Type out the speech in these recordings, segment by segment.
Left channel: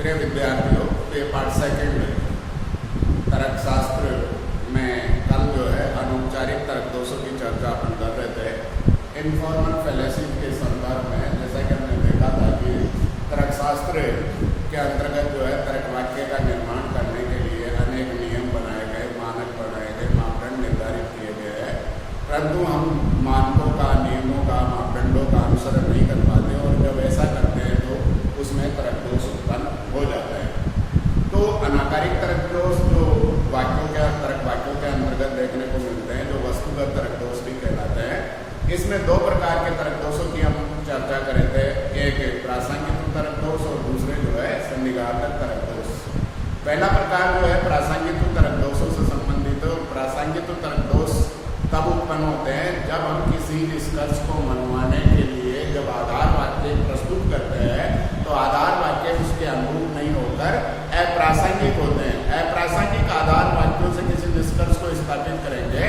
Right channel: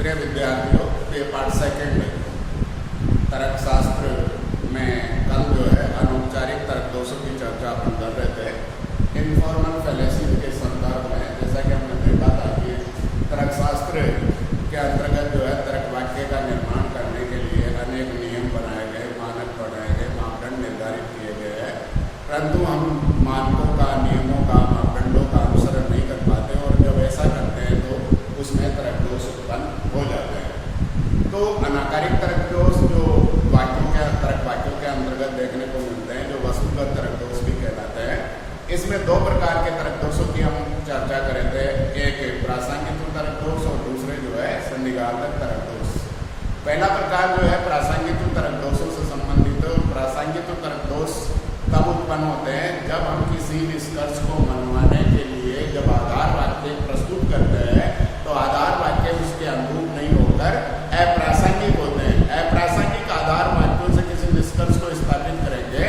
प्रिय विद्यार्थियों, ये पाठ सेकंड तर्क शास्त्र में कल जो है अनौपचारिक तर्क दोषों की चर्चा अपन कर रहे थे। इनफॉर्मल फैलेसीज के संदर्भ में जैसा कि हमने देखा था कि तर्क शास्त्र के अंतर्गत जो है तर्क वाक्य का निर्माण करने के लिए अनेक नियम बनाए गए, मानक बनाए गए, मापदंड निर्धारित किए गए हैं, परंतु हम मानकों का, नियमों का, मापदंडों का अनुसरण नहीं कर पाते और जब ऐसा करते हैं तो उसमें तर्क दोष उत्पन्न हो जाते हैं। तो अनाकारिक तर्क दोष जो तर्क वाक्यों के अंतर्गत देखने को मिलते हैं, जो वस्तुगत तर्क दोष भी कहलाते हैं, इसमें दो प्रकार के तर्क दोषों की हम चर्चा करे थे। एक प्रासंगिक तर्क दोष और दूसरे जो है सन्निघातक तर्क दोष। पहला प्रकार जो है प्रासंगिक तर्क दोषों से संबंधित है और प्रासंगिक तर्क दोष तब उत्पन्न होते हैं जब हम किसी निष्कर्ष को मनवाने के लिए जब आधार वाक्य प्रस्तुत करते हैं तो आधार वाक्य उसके अनुरूप नहीं होकर अप्रासंगिक होते हैं। अप्रासंगिक आधार वाक्यों से किसी निष्कर्ष को स्थापित करेंगे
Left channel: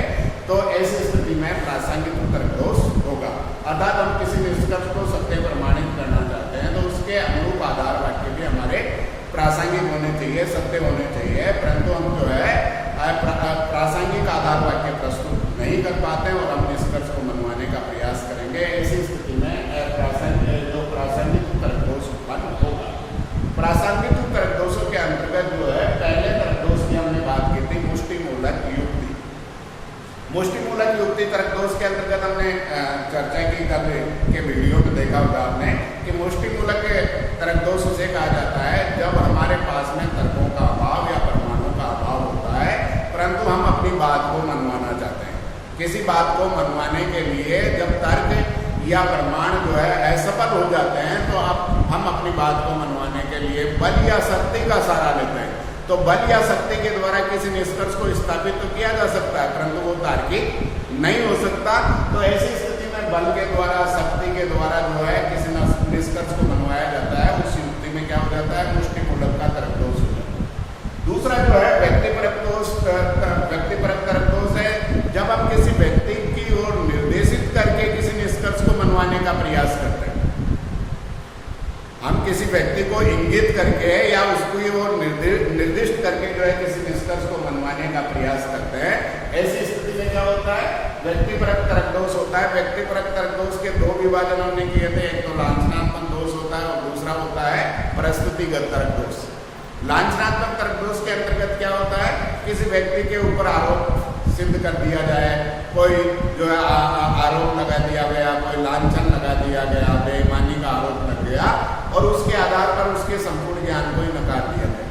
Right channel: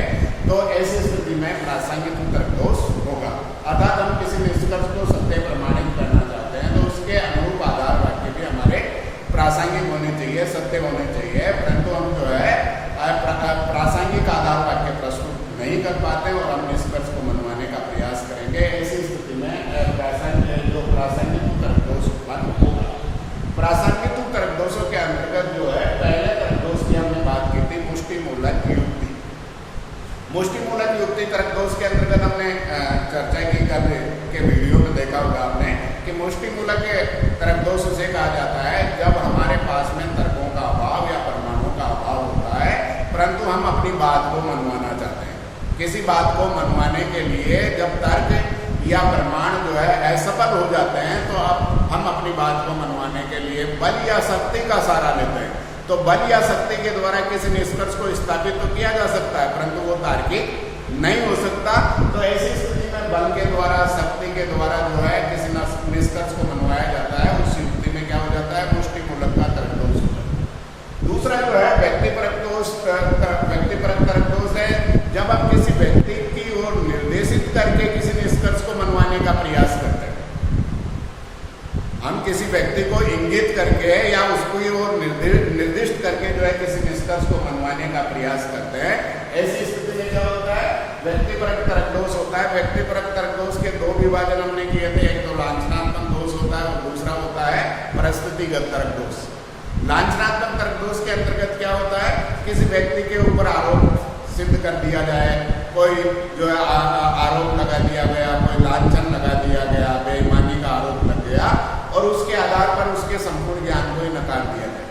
तो ऐसी स्थिति में प्रासंगिक तर्क दोष होगा। अर्थात हम किसी निष्कर्ष को सत्य प्रमाणित करना चाहते हैं तो उसके अनुरूप आधार वाक्य भी हमारे प्रासंगिक होने चाहिए, सत्य होने चाहिए, परंतु हम जो है प्रासंगिक आधार वाक्य प्रस्तुत नहीं कर पाते और हम निष्कर्ष को मनवाने का प्रयास करेंगे। ऐसी स्थिति में प्रासंगिक तर्क दोष उत्पन्न होगा। प्रासंगिक तर्क दोषों के अंतर्गत जो है पहले तर्क दोष की हमने बात की थी मुष्टिमूलक युक्ति। मुष्टिमूलक युक्ति तर्क दोष के अंतर्गत हमने चर्चा की कल के वीडियो में देखा होगा आपने कि मुष्टिमूलक तर्क दोष उसे कहा जाता है जब हमारे पास में तर्कों का अभाव या प्रमाणों का अभाव होता है परंतु हम अपनी बात को मनवाना चाहते हैं। किसी बात को मनवाने के लिए जब तर्क या प्रमाण जो है असफल हो जाते हैं तो हम अपनी बात को मनवाने के लिए बल या शक्ति का सहारा लेते हैं। तो बल या शक्ति के द्वारा किसी निष्कर्ष को स्थापित तो किया जा सकता है परंतु वो तार्किक नहीं हो सकता। तो ऐसी स्थिति में बल के द्वारा, शक्ति के द्वारा जो है किसी निष्कर्ष को मनवाया जाता है, उस युक्ति में क्या हो जाता है, मुष्टिमूलक का तर्क दोष हो जाता है। दूसरा जो है व्यक्तिपरक तर्क दोष है जब हम किसी व्यक्ति की ओर निर्देशित करके किसी निष्कर्ष को मनवाने का प्रयास करते हैं। हम किसी व्यक्ति को इंगित करके या उसको ओर निर्दिष्ट करके जो है किसी निष्कर्ष को मनवाने का प्रयास करते हैं। ऐसी स्थिति में क्या होता है, व्यक्तिपरक तर्क दोष होता है। व्यक्तिपरक तर्क दोष के दो विभाजन हमने किए थे, एक तो लांछनात्मक दोष होता है और दूसरा होता है परिस्थितिगत तर्क दोष। लांछनात्मक तर्क दोष के अंतर्गत क्या होता है, किसी व्यक्ति के ऊपर आरोप सिद्ध कर दिया जाए, कोई जो है आरोप लगा दिया गया, कोई लांछन लगा दिया गया, बेईमानी का आरोप लग गया और उसके आधार पर उसके संपूर्ण ज्ञान को ही नकार दिया जाए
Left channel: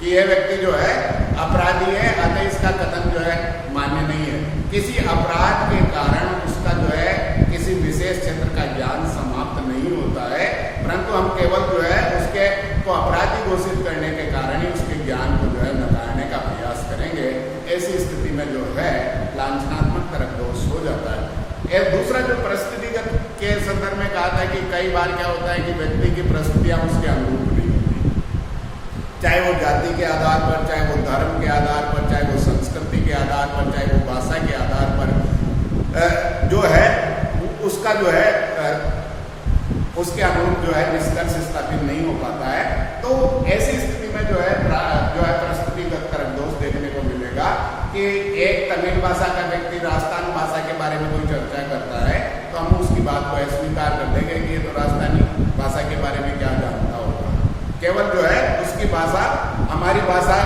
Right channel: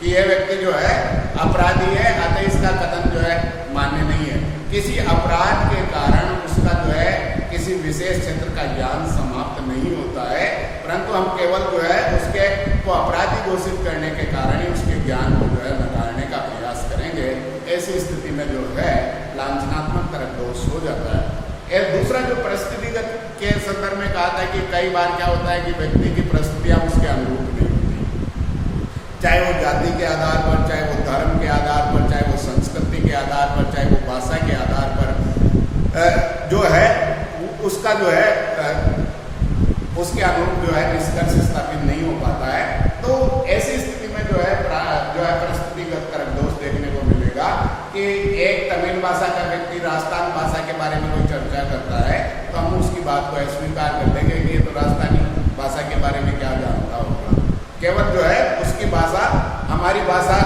कि यह व्यक्ति जो है अपराधी है, अतः इसका कथन जो है मान्य नहीं है। किसी अपराध के कारण उसका जो है किसी विशेष क्षेत्र का ज्ञान समाप्त नहीं होता है, परंतु हम केवल जो है उसके को अपराधी घोषित करने के कारण ही उसके ज्ञान को जो है नकारने का प्रयास करेंगे। ऐसी स्थिति में जो है लांछनात्मक तर्क दोष हो जाता है। दूसरा जो परिस्थितिगत के संदर्भ में कहा था कि कई बार क्या होता है कि व्यक्ति की परिस्थितियां उसके अनुरूप नहीं होती, चाहे वो जाति के आधार पर, चाहे वो धर्म के आधार पर, चाहे वो संस्कृति के आधार पर, चाहे वो भाषा के आधार पर जो है उसका जो है उसके अनुरूप जो है निष्कर्ष स्थापित नहीं हो पाता है। तो ऐसी स्थिति में जो है परिस्थितिगत तर्क दोष देखने को मिलेगा कि एक तमिल भाषा का व्यक्ति राजस्थान भाषा के बारे में कोई चर्चा करता है तो हम उसकी बात को अस्वीकार कर देंगे कि ये तो राजस्थानी भाषा के बारे में क्या जानता होगा। केवल जो है उसकी भाषा हमारी भाषा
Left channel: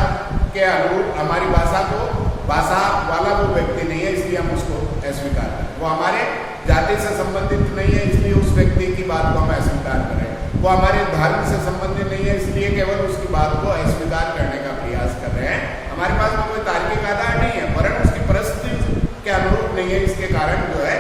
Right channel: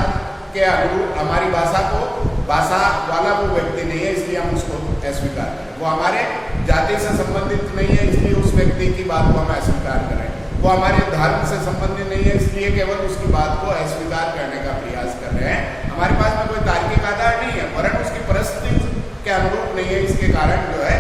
के अनुरूप, हमारी भाषा को भाषा वाला वो व्यक्ति नहीं है इसलिए हम उसको अस्वीकार करें। वो हमारे जाति से संबंधित नहीं है इसलिए उस व्यक्ति की बात को हम अस्वीकार करें। वो हमारे धर्म से संबंधित नहीं है इसलिए केवल उसकी बात को अस्वीकार करने का प्रयास कर रहे हैं। हमारे पास में कोई तार्किक आधार नहीं है, वरन उसकी परिस्थिति के अनुरूप नहीं है, इसके कारण जो है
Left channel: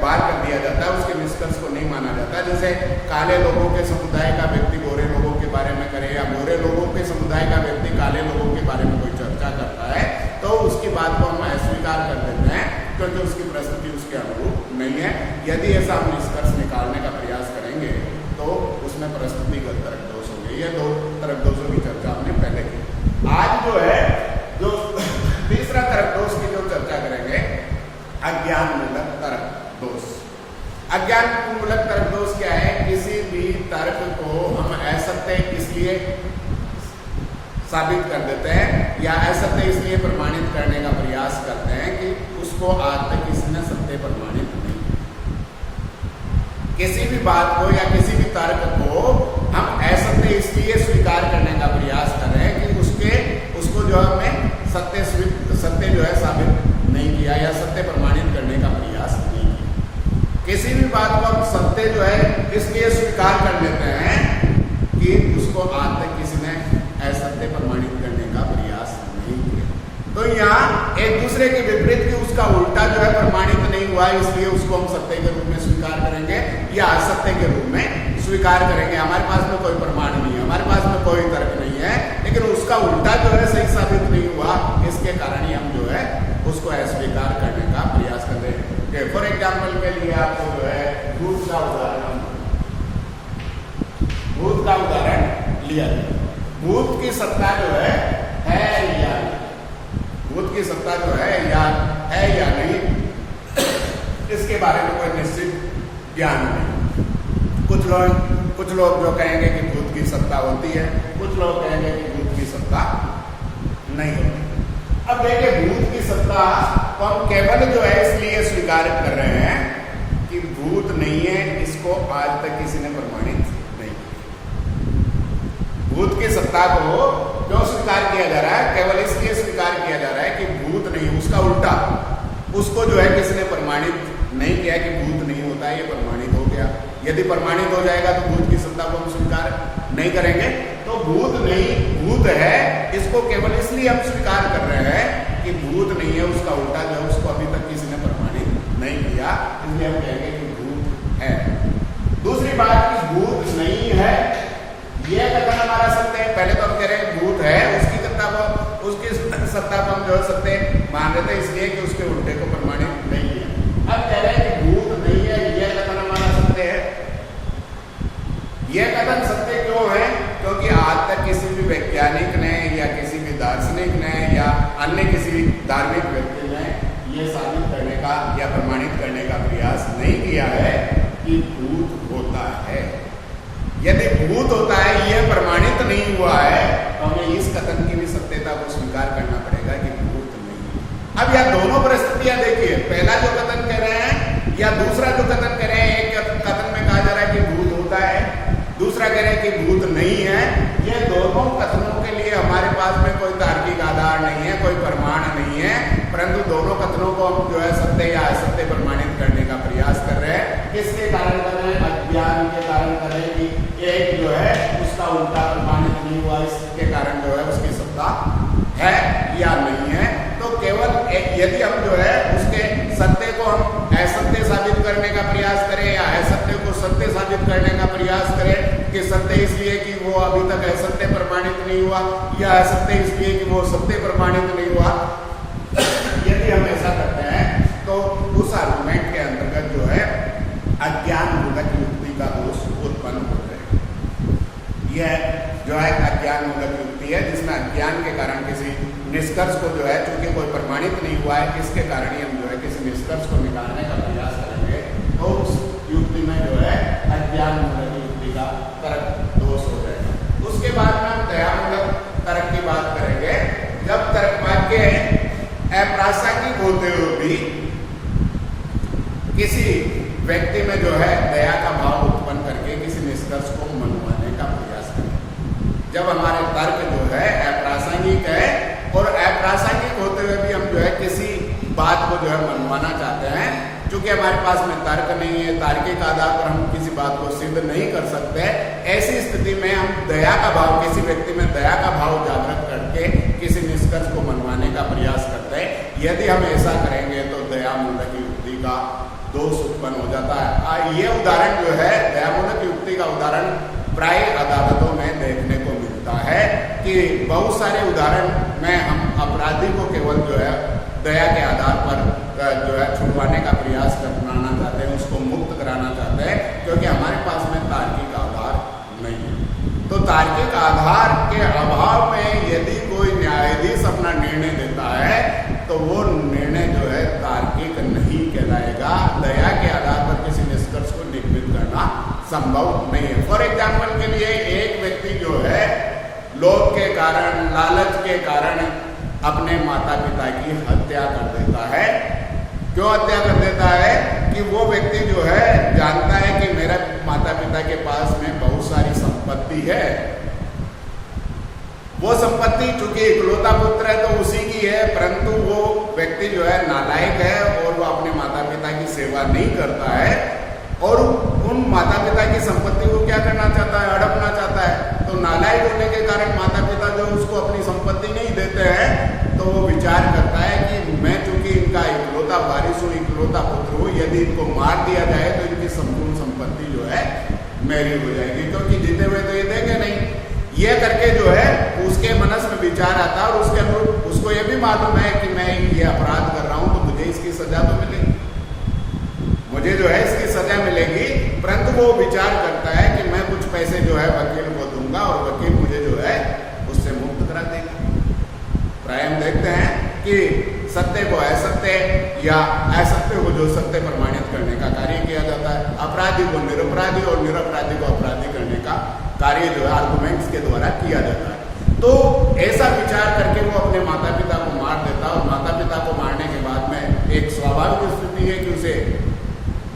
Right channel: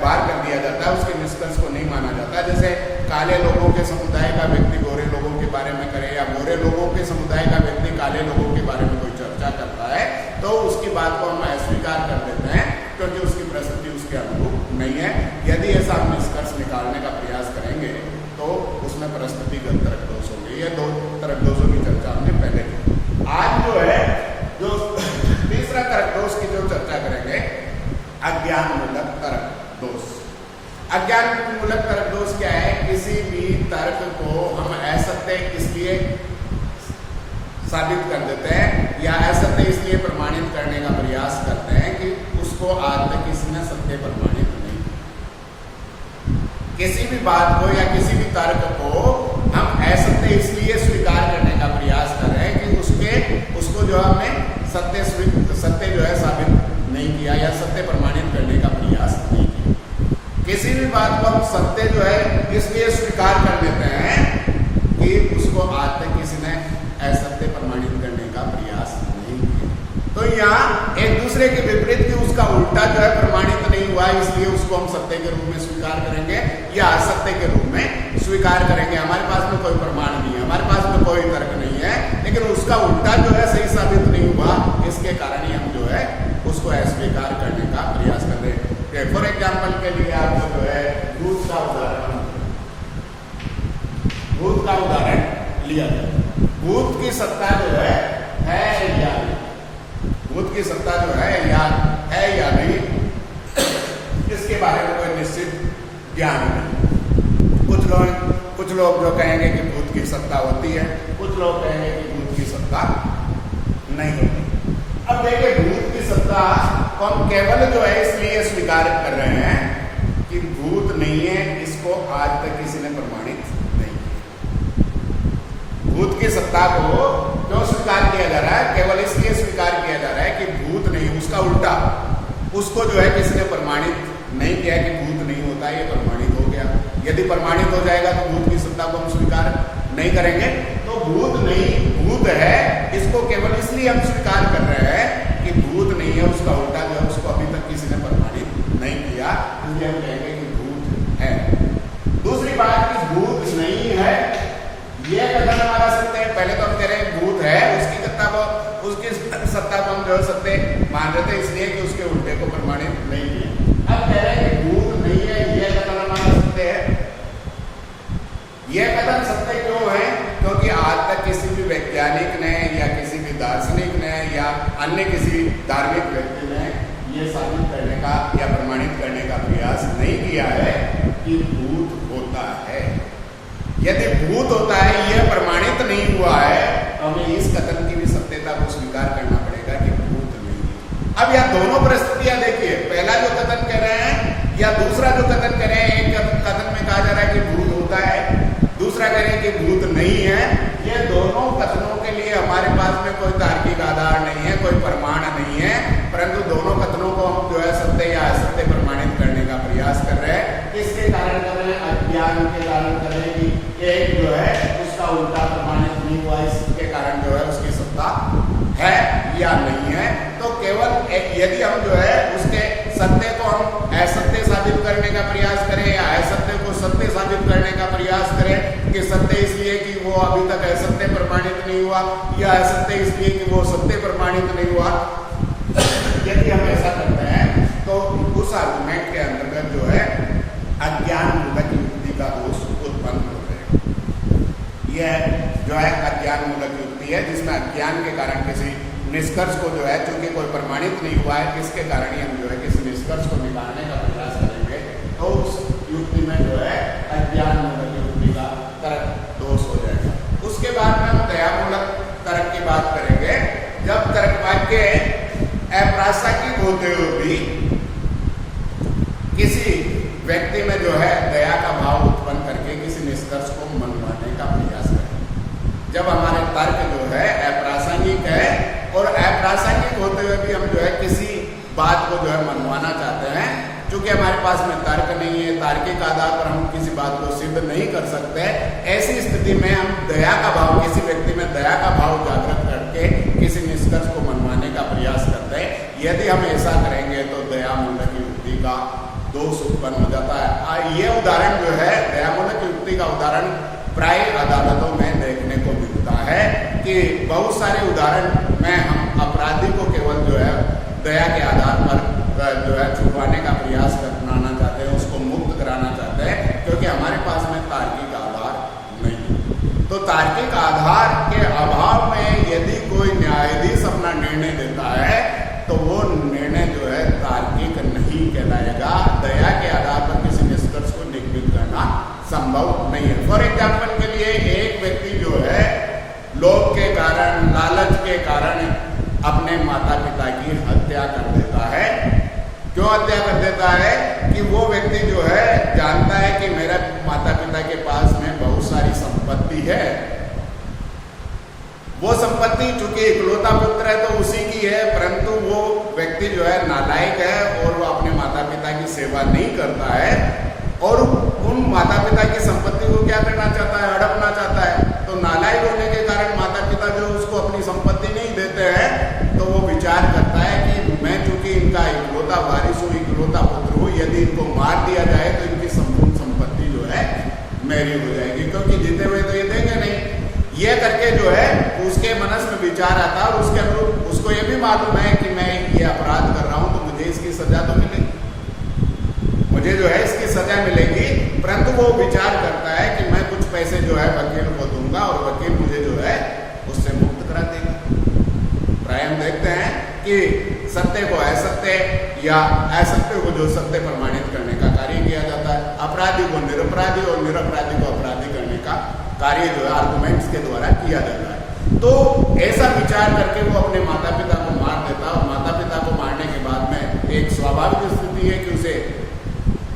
बाहर कर दिया जाता है, उसके निष्कर्ष को नहीं माना जाता। जैसे काले लोगों के समुदाय का व्यक्ति गोरे लोगों के बारे में करे या गोरे लोगों के समुदाय का व्यक्ति काले लोगों के बारे में कोई चर्चा करता है तो उसकी बात को हम अस्वीकार कर देते हैं क्योंकि उसकी परिस्थिति उसके अनुरूप नहीं है। यदि ऐसा हम निष्कर्ष निकालने का प्रयास करेंगे तो उसमें परिस्थितिगत तर्क दोष होंगे। ये दो तर्क दोषों की चर्चा हमने पहले की। आज जो है जो तीसरा तर्क दोष की जो चर्चा करेंगे, अज्ञान मूलक तर्क दोष। अज्ञान मूलक तर्क दोष क्या है, किसी भी तर्क को हम असत्य इसलिए इसलिए साबित कर देते हैं या असत्य इसलिए प्रमाणित करने का प्रयास करते हैं कि उसको आज तक किसी ने सत्य प्रमाणित नहीं किया। किसी भी बात को या किसी भी तर्क को हम असत्य इसलिए स्वीकार करने का प्रयास कर रहे हैं कि उसको जो हमने सत्य जो है साबित नहीं किया या सत्य प्रमाणित करने का प्रयास नहीं किया। किसी भी बात को हम सत्य जो है इसलिए स्वीकार कर लेते हैं कि उसको आज तक किसी ने असत्य प्रमाणित करने का प्रयास नहीं किया। तो यहाँ एक दूसरे के विपरीत भी उसका उल्टा जो है प्रमाणित नहीं हुआ, इसलिए उसको हम सत्य के रूप में स्वीकार करेंगे या असत्य के रूप में स्वीकार करेंगे। हमारे पास में कोई प्रमाण नहीं है, हमारे पास में कोई तर्क नहीं है, लेकिन उसका उल्टा जो है सही साबित नहीं हुआ, इसके कारण ही हम जो है उसको अस्वीकार करने का प्रयास कर रहे हैं। फॉर एग्जाम्पल के लिए आपको जो है भूत का उदाहरण लिया जाए। भूत की सत्ता जो है या नहीं, भूत की सत्ता जो है या नहीं, इसके बारे में कोई निश्चित ज्ञान नहीं। कुछ लोग जो कहेंगे कि भूत की सत्ता होती है, कुछ लोग कहेंगे कि भूत की सत्ता नहीं होती। अब देखिए, भूत की सत्ता को हम केवल जो है इसलिए स्वीकार कर रहे हैं कि भूत नहीं है, इसको आज तक किसी ने प्रमाणित नहीं किया। भूत की सत्ता को जो स्वीकार किया जा रहा है, केवल इसलिए स्वीकार किया जा रहा है कि भूत नहीं, उसका उल्टा उसको जो है किसी ने प्रमाणित नहीं किया कि भूत नहीं होता, ये प्रमाणित हो गया। यदि प्रमाणित हो जाएगा तो भूत की सत्ता को हम स्वीकार नहीं करेंगे। तो भूत नहीं, भूत है, इसको केवल इसलिए हम स्वीकार कर रहे हैं कि भूत नहीं है, उसका उल्टा जो है उसको अभी तक किसी ने प्रमाणित नहीं किया, इसलिए हम कहेंगे कि भूत है। दूसरी बात कि भूत नहीं है ये कथन हमारा सत्य है। पहले तो हम कह रहे हैं भूत है, उसकी सत्ता को हम जो है सत्य मान रहे थे, इसलिए कि उसके उल्टे को प्रमाणित नहीं किया। अब कह रहे हैं कि भूत नहीं है, यह कथन हमारा सत्य है। यह कथन सत्य क्यों है? क्योंकि आज तक किसी भी वैज्ञानिक ने या किसी भी दार्शनिक ने या अन्य किसी धार्मिक व्यक्ति ने यह साबित करने का या प्रमाणित करने का प्रयास नहीं किया है कि भूत होता है। यदि भूत होता है, यह प्रमाणित नहीं हुआ है, तो हमें इस कथन की भी सत्यता को स्वीकार करना पड़ेगा कि भूत नहीं है। अब यह दोनों परिस्थितियां देखिए, पहला जो कथन कह रहे हैं या दूसरा जो कथन कह रहे हैं, एक कथन में कहा जा रहा है कि भूत होता है, दूसरा कह रहे हैं कि भूत नहीं है। ये दोनों कथनों के लिए हमारे पास में कोई तार्किक आधार नहीं है, कोई प्रमाण नहीं है, परंतु दोनों कथनों को हम जो है सत्य या असत्य प्रमाणित करने का प्रयास कर रहे हैं। किसके कारण कर रहे हैं? अज्ञान के कारण कर रहे हैं कि एक जो है उसका उल्टा प्रमाणित नहीं हुआ, इसके कारण जो है उसकी सत्ता है या नहीं है। तो केवल यदि हम जो है उसके सत्य को हम असत्य साबित करने का प्रयास करें या असत्य को सत्य साबित करने का प्रयास करें कि सत्य इसलिए कि वो अभी तक असत्य प्रमाणित नहीं हुआ या असत्य इसलिए कि वो सत्य प्रमाणित नहीं हुआ, यदि हम ऐसा करते हैं तो उस आर्गुमेंट के अंतर्गत जो है अज्ञान मूलक युक्ति का दोष उत्पन्न हो जाएगा। यह जो है अज्ञान मूलक युक्ति है, जिसमें अज्ञान के कारण किसी निष्कर्ष को जो है, चूंकि कोई प्रमाणित नहीं हुआ है, इसके कारण ही हम जो है किसी निष्कर्ष को निकालने का प्रयास करेंगे, तो उस युक्ति में जो है अज्ञान मूलक युक्ति का तर्क दोष हो जाएगा। उसके बाद में हम दया मूलक तर्क की बात करेंगे। जब तर्क वाक्य अप्रासंगिक होते हुए भी किसी व्यक्ति में जो है दया का भाव उत्पन्न करके किसी निष्कर्ष को मनवाने का प्रयास करें। जब हमारे तर्क जो है अप्रासंगिक है और अप्रासंगिक होते हुए भी हम जो है किसी बात को जो है मनवाना चाहते हैं, चूंकि हमारे पास में तर्क नहीं है, तार्किक आधार पर हम किसी बात को सिद्ध नहीं कर सकते, ऐसी स्थिति में हम दया का भाव, किसी व्यक्ति में दया का भाव जागृत करके किसी निष्कर्ष को मनवाने का प्रयास करते हैं। यदि हम ऐसा करेंगे तो दया मूलक युक्ति का दोष उत्पन्न हो जाता है। ये उदाहरण जो है दया मूलक युक्ति का उदाहरण प्राय अदालतों में देखने को मिलता है कि बहुत सारे उदाहरण में हम अपराधी को केवल जो है दया के आधार पर जो है छुड़वाने का प्रयास कराना चाहते हैं, उसको मुक्त कराना चाहते हैं, क्योंकि हमारे पास में तार्किक आधार नहीं है। तो तार्किक आधार के अभाव में यदि कोई न्यायाधीश अपना निर्णय देता है तो वो निर्णय जो है तार्किक नहीं कहलाएगा। दया के आधार पर किसी निष्कर्ष को निगमित करना संभव नहीं है। फॉर एग्जाम्पल के लिए एक व्यक्ति जो है लोभ के कारण, लालच के कारण अपने माता पिता की हत्या कर देता है। क्यों हत्या कर देता है? कि वो व्यक्ति जो है जानता है कि मेरा माता पिता के पास में बहुत सारी संपत्ति है, वो संपत्ति चूंकि इकलौता पुत्र है तो उसी की है, परंतु वो व्यक्ति जो है नालायक है और वो अपने माता पिता की सेवा नहीं करता है और उन माता पिता की संपत्ति को क्या करना चाहता है? हड़पना चाहता है। तो नालायक होने के कारण माता पिता जो उसको अपनी संपत्ति नहीं देते हैं, तो वो विचार करता है कि मैं चूंकि इनका इकलौता वारिस हूँ, इकलौता पुत्र हूँ, यदि इनको मार दिया जाए तो इनकी संपूर्ण संपत्ति जो है मेरी हो जाएगी, क्योंकि जीते हुए तो ये देंगे नहीं। ये करके जो है उसके मनस में विचार आता है और उसके अनुरूप उसको ये भी मालूम है कि मैं ये अपराध कर रहा हूं तो मुझे इसकी सजा तो मिलेगी, मुझे जो है इसकी सजा मिलेगी, परंतु वो विचार करता है कि मैं कुछ पैसे जो है वकील को दूंगा और वकील मुझे जो है उससे मुक्त करा देगा। प्राय हम देखते हैं कि सत्य को असत्य या असत्य को जो सत्य प्रमाणित करने का कार्य किया जाता है, अपराधी को निरपराधी और निरपराधी को अपराधी करने का कार्य जो है आर्गुमेंट्स के द्वारा किया जाता है। तो ऐसा विचार करके वो अपने माता पिता को मार देता है और माता पिता को मारने के बाद में एक स्वाभाविक स्थिति है कि उसे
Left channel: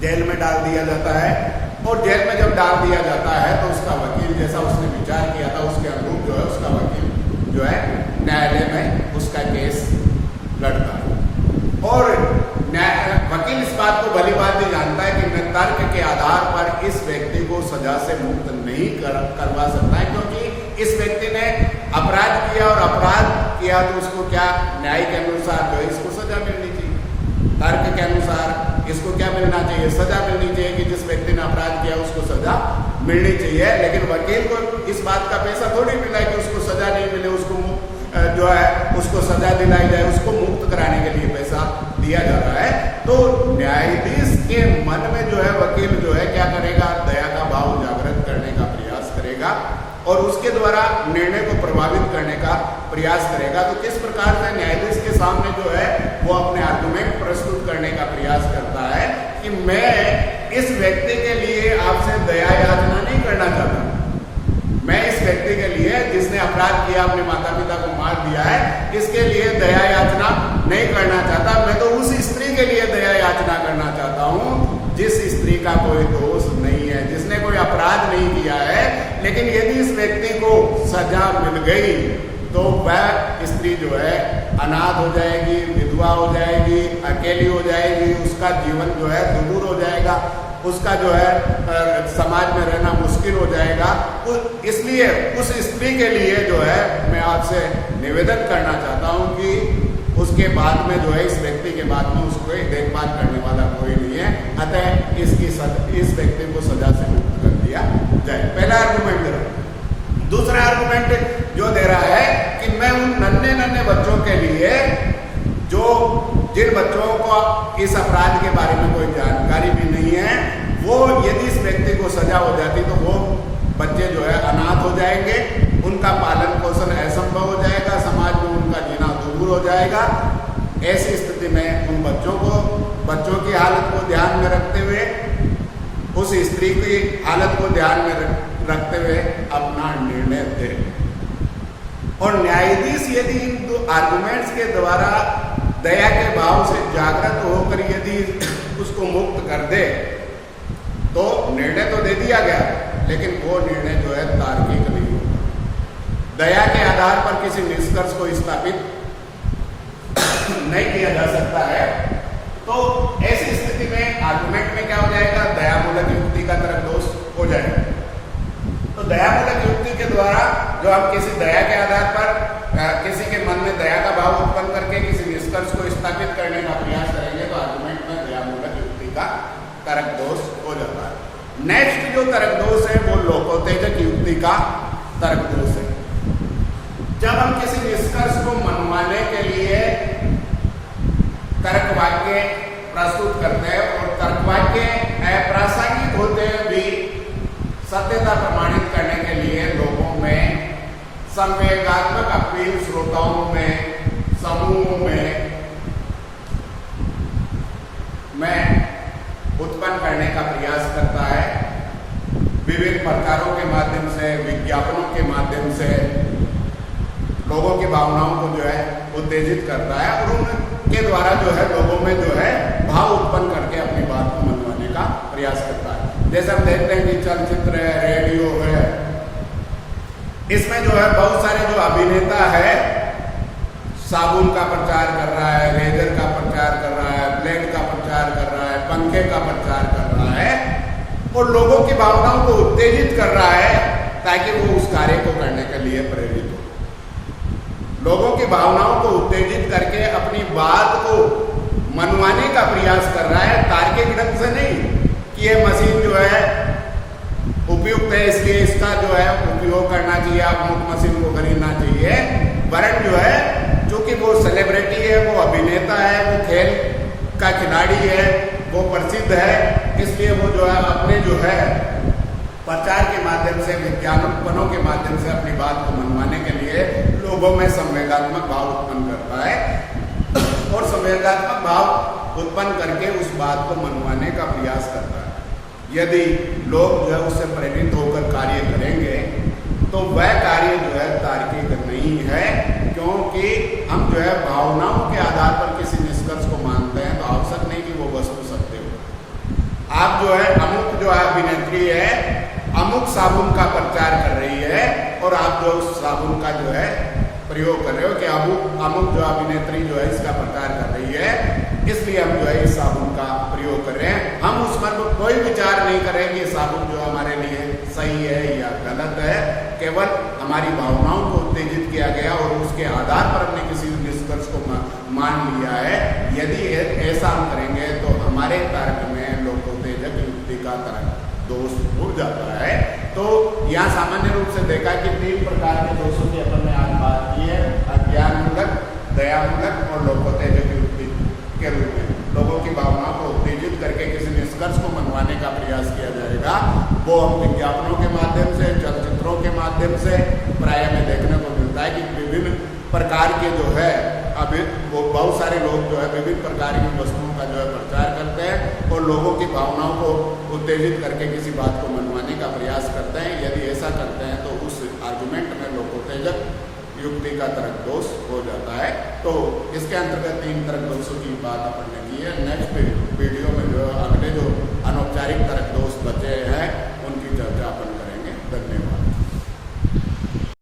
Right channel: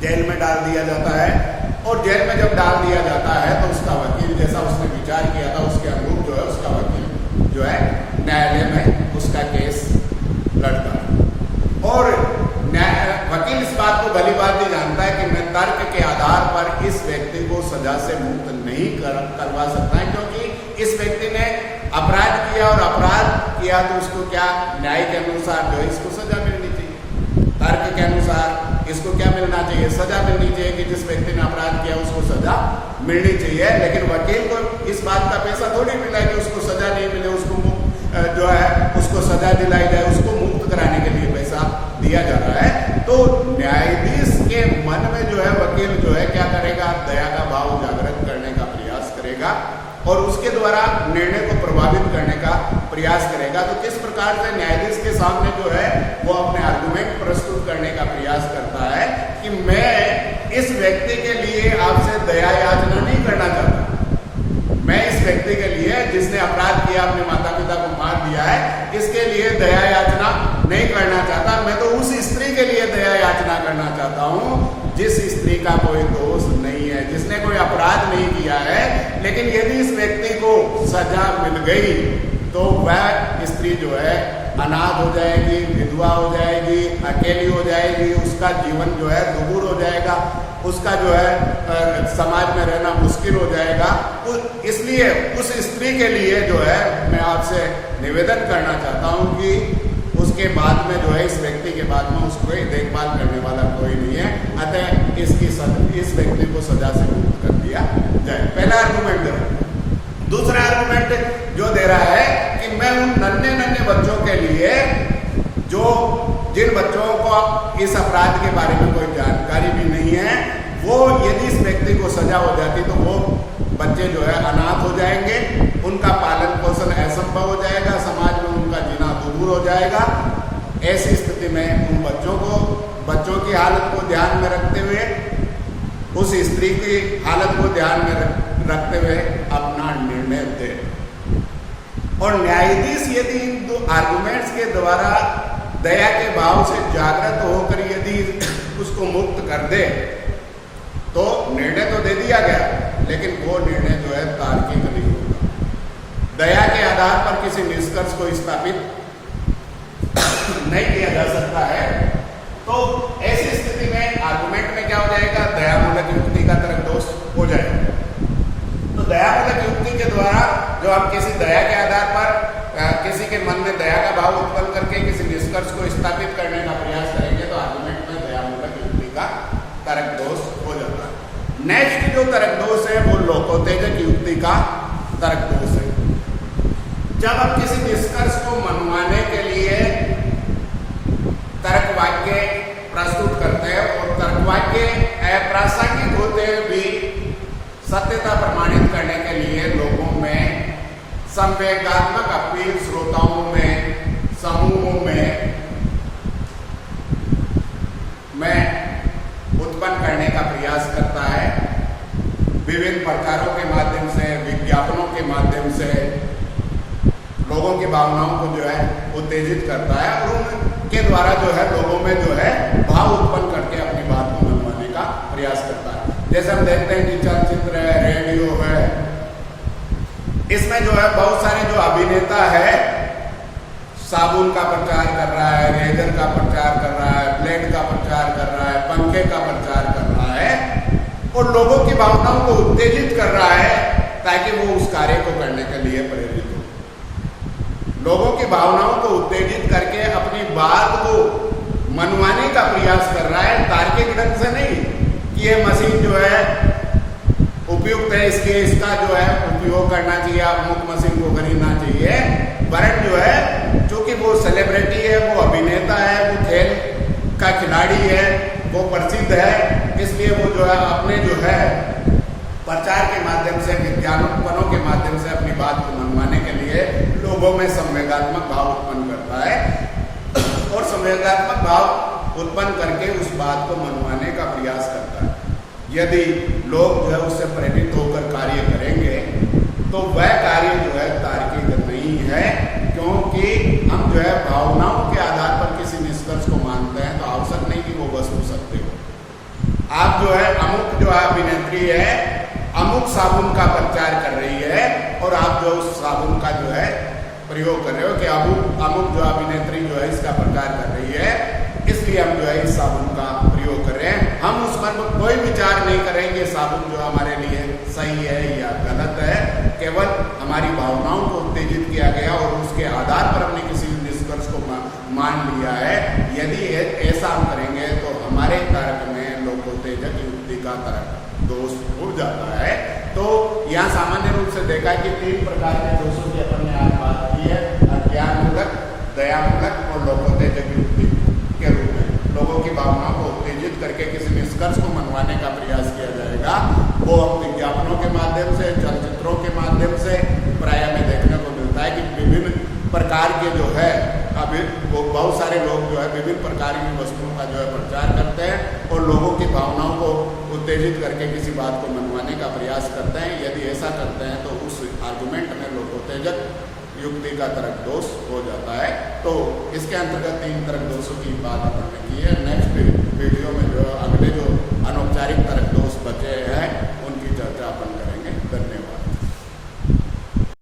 जेल में डाल दिया जाता है और जेल में जब डाल दिया जाता है तो उसका वकील जैसा उसने विचार किया था उसके अनुरूप जो है उसका वकील जो है न्यायालय में उसका केस लड़ता है और वकील इस बात को भली बात नहीं जानता है कि मैं तर्क के आधार पर इस व्यक्ति को सजा से मुक्त नहीं करवा सकता है, क्योंकि इस व्यक्ति ने अपराध किया और अपराध किया तो उसको क्या न्याय के अनुसार जो है इसको सजा मिलनी चाहिए, तर्क के अनुसार इसको क्या मिलना चाहिए? सजा मिलनी चाहिए कि जिस व्यक्ति ने अपराध किया उसको सजा मिलनी चाहिए। लेकिन वकील को इस बात का पैसा थोड़ी मिला है कि उसको सजा नहीं मिले, उसको जो है उसको सजा दिलाई जाए, उसको मुक्त कराने के लिए पैसा दिया जा रहा है। तो न्यायाधीश के मन में जो है वकील जो है क्या करेगा? दया का भाव जागृत करने का प्रयास करेगा और उसके द्वारा निर्णय को प्रभावित करने का प्रयास करेगा। तो किस प्रकार से न्यायाधीश के सामने जो है वो अपने आर्गुमेंट प्रस्तुत करने का प्रयास करता है कि मैं इस व्यक्ति के लिए आपसे दया याचना नहीं करना चाहता, मैं इस व्यक्ति के लिए जिसने अपराध किया, अपने माता पिता को मार दिया है, इसके लिए दया याचना नहीं करना चाहता, मैं तो उस स्त्री के लिए दया याचना करना चाहता हूं जिस स्त्री का कोई दोष नहीं है, जिसने कोई अपराध नहीं किया है। लेकिन यदि इस व्यक्ति को सजा मिल गई तो वह स्त्री जो है अनाथ हो जाएगी, विधवा हो जाएगी, अकेली हो जाएगी, उसका जीवन जो है दुभुर हो जाएगा, उसका जो है समाज में रहना मुश्किल हो जाएगा। इसलिए उस स्त्री के लिए जो है मैं आपसे निवेदन करना चाहता हूं कि उसके बाद में जो है इस व्यक्ति के बाद में उसको देखभाल करने वाला कोई नहीं है, अतः इस व्यक्ति को सजा से मुक्त कर दिया जाए। पहला आर्गुमेंट दे रहा है। दूसरा आर्गुमेंट जो दे रहा है कि मैं उन नन्हे नन्हे बच्चों के लिए जो जिन बच्चों को इस अपराध के बारे में कोई जानकारी भी नहीं है, वो यदि इस व्यक्ति को सजा हो जाती तो वो बच्चे जो है अनाथ हो जाएंगे, उनका पालन पोषण असंभव हो जाएगा, समाज में उनका जीना दूर हो जाएगा। ऐसी स्थिति में उन बच्चों की हालत को ध्यान में रखते हुए, उस स्त्री की हालत को ध्यान में रखते हुए अपना निर्णय दे। और न्यायाधीश यदि इन दो आर्गुमेंट्स के द्वारा दया के भाव से जागृत होकर यदि उसको मुक्त कर दे तो निर्णय तो दे दिया गया, लेकिन वो निर्णय जो है तार्किक नहीं होगा। दया के आधार पर किसी निष्कर्ष को स्थापित नहीं किया जा सकता है। तो ऐसी स्थिति में आर्गुमेंट में क्या हो जाएगा? दयामूलक युक्ति का तरक दोष हो जाएगा। तो दयामूलक युक्ति के द्वारा जो हम किसी दया के आधार पर किसी के मन में दया का भाव उत्पन्न करके किसी निष्कर्ष को स्थापित करने का प्रयास करेंगे तो आर्गुमेंट में दयामूलक युक्ति का तरक दोष हो जाता है। नेक्स्ट जो तरक दोष है वो लोकोत्तेजक युक्ति का तरक दोष है। जब हम किसी निष्कर्ष को मनवाने के लिए तर्क वाक्य प्रस्तुत करते हैं और तर्क वाक्य अप्रासंगिक होते हैं भी सत्यता प्रमाणित करने के लिए लोगों में संवेगात्मक अपील श्रोताओं में, समूहों में उत्पन्न करने का प्रयास करता है। विभिन्न प्रकारों के माध्यम से, विज्ञापनों के माध्यम से, लोगों की भावनाओं को जो है उत्तेजित करता है और उनके द्वारा जो है लोगों में जो है भाव उत्पन्न करके अपनी बात को मनवाने का प्रयास करता है। जैसे हम देखते हैं कि चलचित्र है, रेडियो है, इसमें जो है बहुत सारे जो अभिनेता है साबुन का प्रचार कर रहा है, रेजर का प्रचार कर रहा है, ब्लेड का प्रचार कर रहा है, पंखे का प्रचार कर रहा है और लोगों की भावनाओं को उत्तेजित कर रहा है ताकि वो उस कार्य को करने के लिए प्रेरित हो। लोगों की भावनाओं को उत्तेजित करके अपनी बात को मनवाने का प्रयास कर रहा है, तार्किक ढंग से नहीं कि ये मशीन जो है उपयुक्त है इसलिए इसका जो है उपयोग करना चाहिए, आप मुख्य मशीन को खरीदना चाहिए, वरन जो है क्योंकि वो सेलिब्रिटी है, वो अभिनेता है, वो खेल का खिलाड़ी है, वो प्रसिद्ध है, इसलिए वो जो है अपने जो है प्रचार के माध्यम से, विज्ञापनों के माध्यम से अपनी बात को मनवाने के लिए लोगों में संवेगात्मक भाव उत्पन्न करता है और संवेगात्मक भाव उत्पन्न करके उस बात को मनवाने का प्रयास करता है। यदि लोग जो है उससे प्रेरित होकर कार्य करेंगे तो वह कार्य जो है तार्किक नहीं है, क्योंकि हम जो है भावनाओं के आधार पर किसी निष्कर्ष को मानते हैं तो आवश्यक नहीं कि वो वस्तु सत्य हो। आप जो है अमुक जो अभिनेत्री है अमुक साबुन का प्रचार कर रही है और आप जो उस साबुन का जो है प्रयोग कर रहे हो कि अमुक जो अभिनेत्री जो है इसका प्रचार कर रही है इसलिए हम जो है इस साबुन का प्रयोग कर रहे हैं। हम उस पर कोई विचार नहीं करेंगे साबुन जो हमारे लिए सही है या गलत है, केवल हमारी भावनाओं को उत्तेजित किया गया और उसके आधार पर हमने किसी निष्कर्ष को मान लिया है। यदि ऐसा हम करेंगे तो हमारे तर्क में लोकोत्तेजक युक्ति का तर्क दोष हो जाता है। तो यहाँ सामान्य रूप से देखा कि 3 प्रकार के दोषों की अपन ने आज बात की है, अज्ञानमूलक, दयामूलक और लोकोत्तेजक युक्ति के रूप में। लोगों की भावनाओं को उत्तेजित करके किसी निष्कर्ष को मनवाने का प्रयास किया जाएगा, वो हम विज्ञापनों के माध्यम से, चलचित्रों के माध्यम से प्राय में देखने को मिलता है कि विभिन्न प्रकार के जो है अभी वो बहुत सारे लोग जो है विभिन्न प्रकार की वस्तुओं का जो है प्रचार करते हैं और लोगों की भावनाओं को उत्तेजित करके किसी बात को मनवाने का प्रयास करते हैं। यदि ऐसा करते हैं तो उस आर्गुमेंट में लोकोत्तेजक युक्ति का तर्क दोष हो जाता है। तो इसके अंतर्गत 3 तर्क दोषों की बात अपन ने की है। नेक्स्ट वीडियो में जो अगले जो अनौपचारिक तर्क दोष बचे हैं उनकी चर्चा अपन करेंगे। धन्यवाद।